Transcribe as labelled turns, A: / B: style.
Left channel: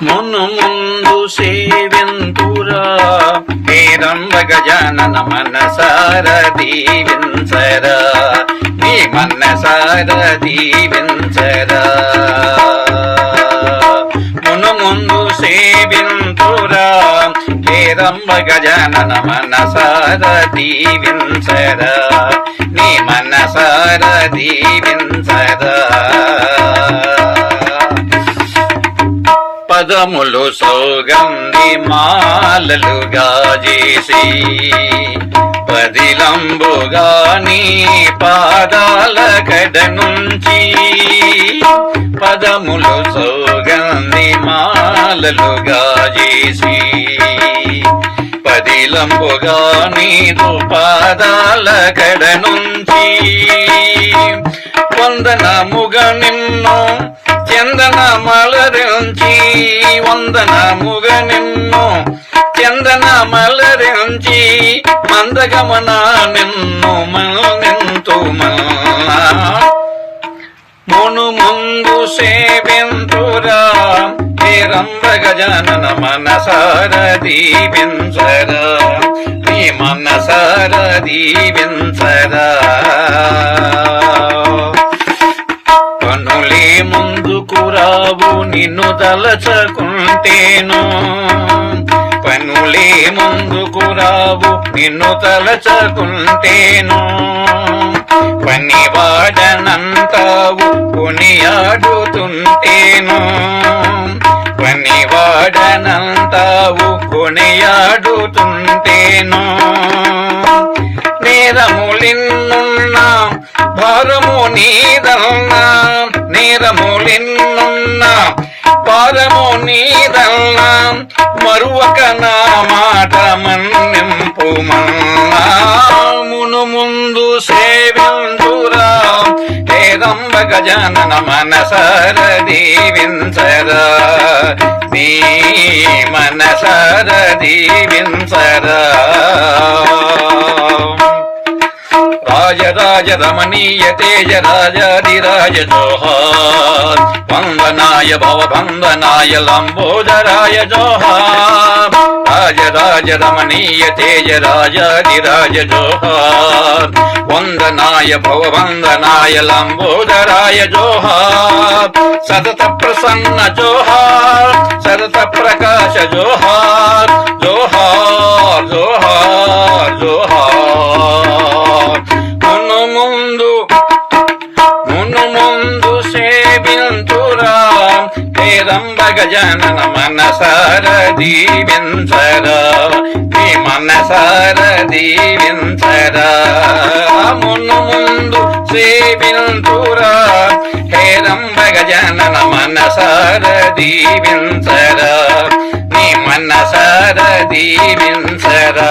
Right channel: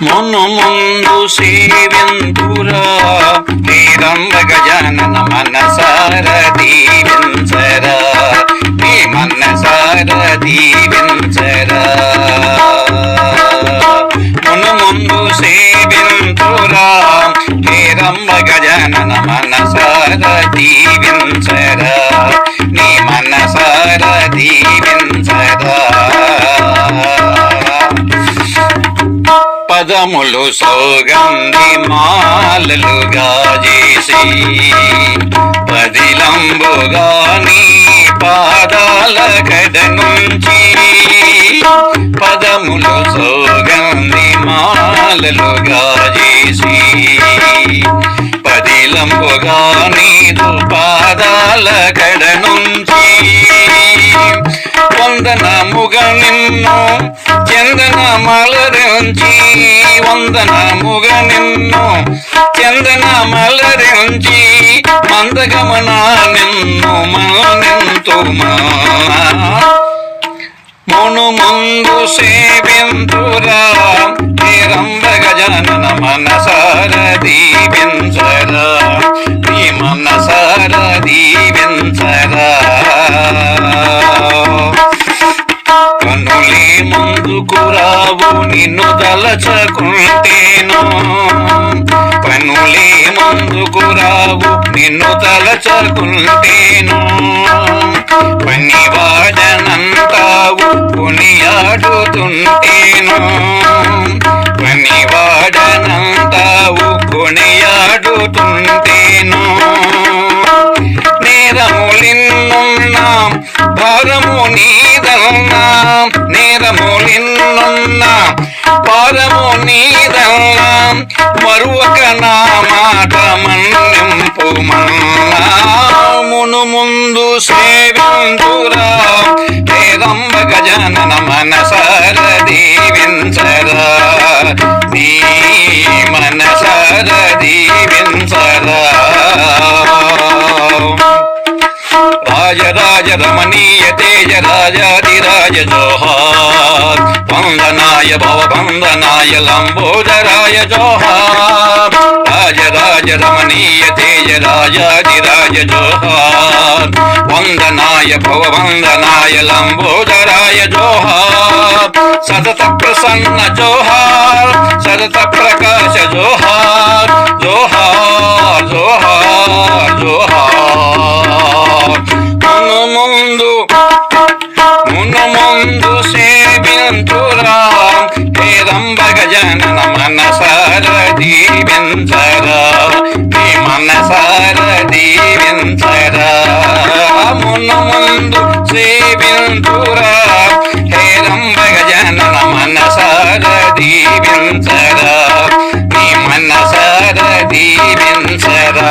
A: మును ముందు సేవింతురా నేరంబ గజానన మనసార దీవించరా నీ మనసార దీవించరా. మును ముందు సేవింతురా నేరంబ గజానన మనసార దీవించరా నీ మనసార దీవించరా. పదములు సౌగంధి మాలలుగా చేసి పదిలంబుగా నీ పాదాల గడ నుంచి పదములు సౌగంధి మాలలుగా చేసి పదిలంబుగా నీదు పాదాల గడ నుంచి వందనముగా నిన్ను చందన మలరించి వందనముగ నిన్ను చందన మలరించి మందగమన నిన్ను మనెంతో మును. ముందు సేవింతురా నిరంబ గజానన మనసార దీవించరా రావు నిన్ను తలచకుంటేను. పనులే ముందుకు రావు నిన్ను తలచకుంటేను. పని వాడనంతావు కొనియాడుతుంటేను పని వాడనంతావు కొనియాడుతుంటేను నేరములిన్నున్నా భారము నీ నిన్నున్న భారము నీదల్లా మరువక నా మాట మన్నింపు మన్నామును ముందు సేవిందురా నేరంబ గజానన మనసర దీవించరా నీ మనసర దీవించరా రమణీయ తేజ రాజాదిరాజ జోహార్. వందనాయ భవ వందనాయ లంబోదరాయ జోహార్. రాజ రమణీయ తేజ రాజాదిరాజ జోహార్. వందనాయ భవ వందనాయ లంబోదరాయ జోహార్. సతత ప్రసన్న జోహార్ సతత ప్రకాశ జోహార్. ముందు మును ముందు సేవింతురా హేరంబ గజానన మనసార దీవించరా నీ మనసార దీవించరా. మును ముందు సేవింతురా హేరంబ గజానన మనసార దీవించరా నీ మనసార దీవించరా.